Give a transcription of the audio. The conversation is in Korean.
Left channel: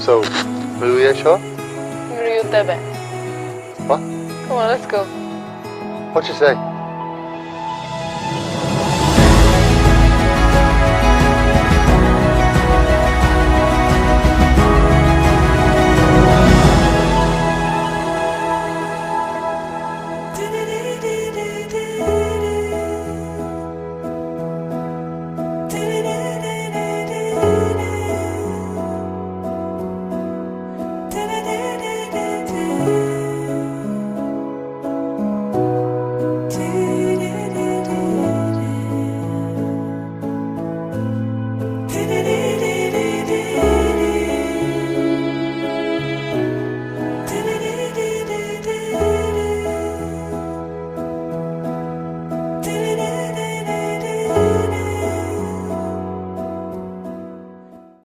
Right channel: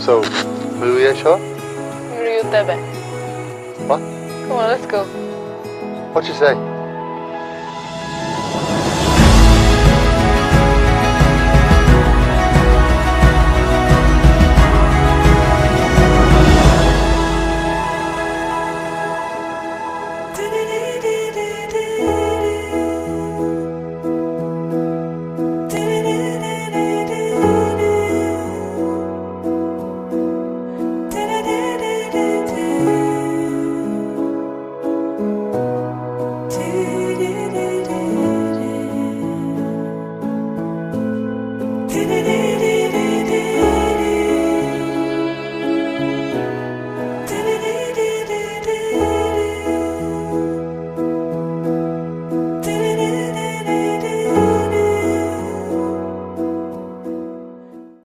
So, miluješ ho? Miluju tebe. What? Come on, let's go. What'd you say?